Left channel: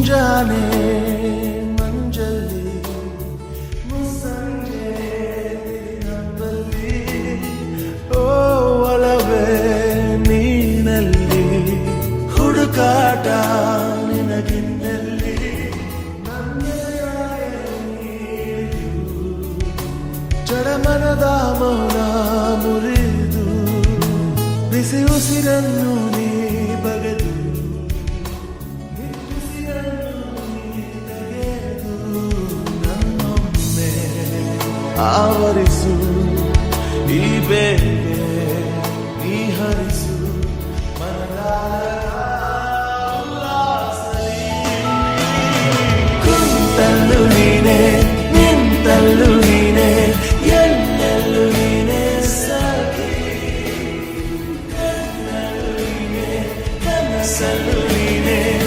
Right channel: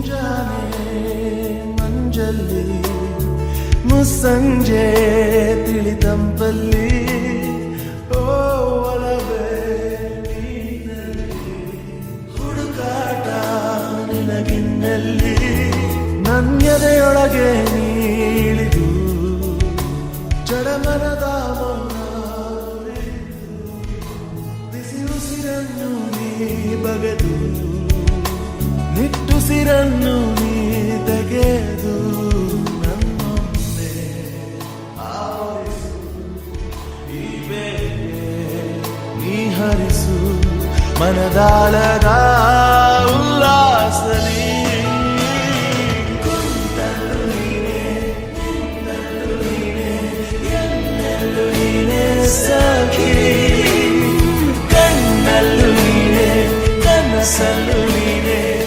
ಮುಂಜಾನೆ ಮಂಜಲ್ಲಿ ಮುಸ್ಸಂಜೆ ತಿಳಿತಂಪಲ್ಲಿ ಓ ಒಲವೇ ನೀನಲ್ಲಿ ಹುಡುಕಾಟ ನಿನಗಿನ್ನಲ್ಲಿ ನನ್ಯದೆಯೊಳಗೆ ನೀಳಿದು ಜಡಮನದ ಮೌನ ಮುರಿದು ಬಿಸಿ ಉಸಿರನ್ನು ನೀ ಬಗೆದು ನಿಟ್ಟುಸಿರನ್ನು ನೀ ತೆಗೆದು ನನ್ನೊಮ್ಮೆ ಆವರಿಸು ಈ ಬೇಗೆ ನೀ ಹರಿಸು ಮನದಾಳದ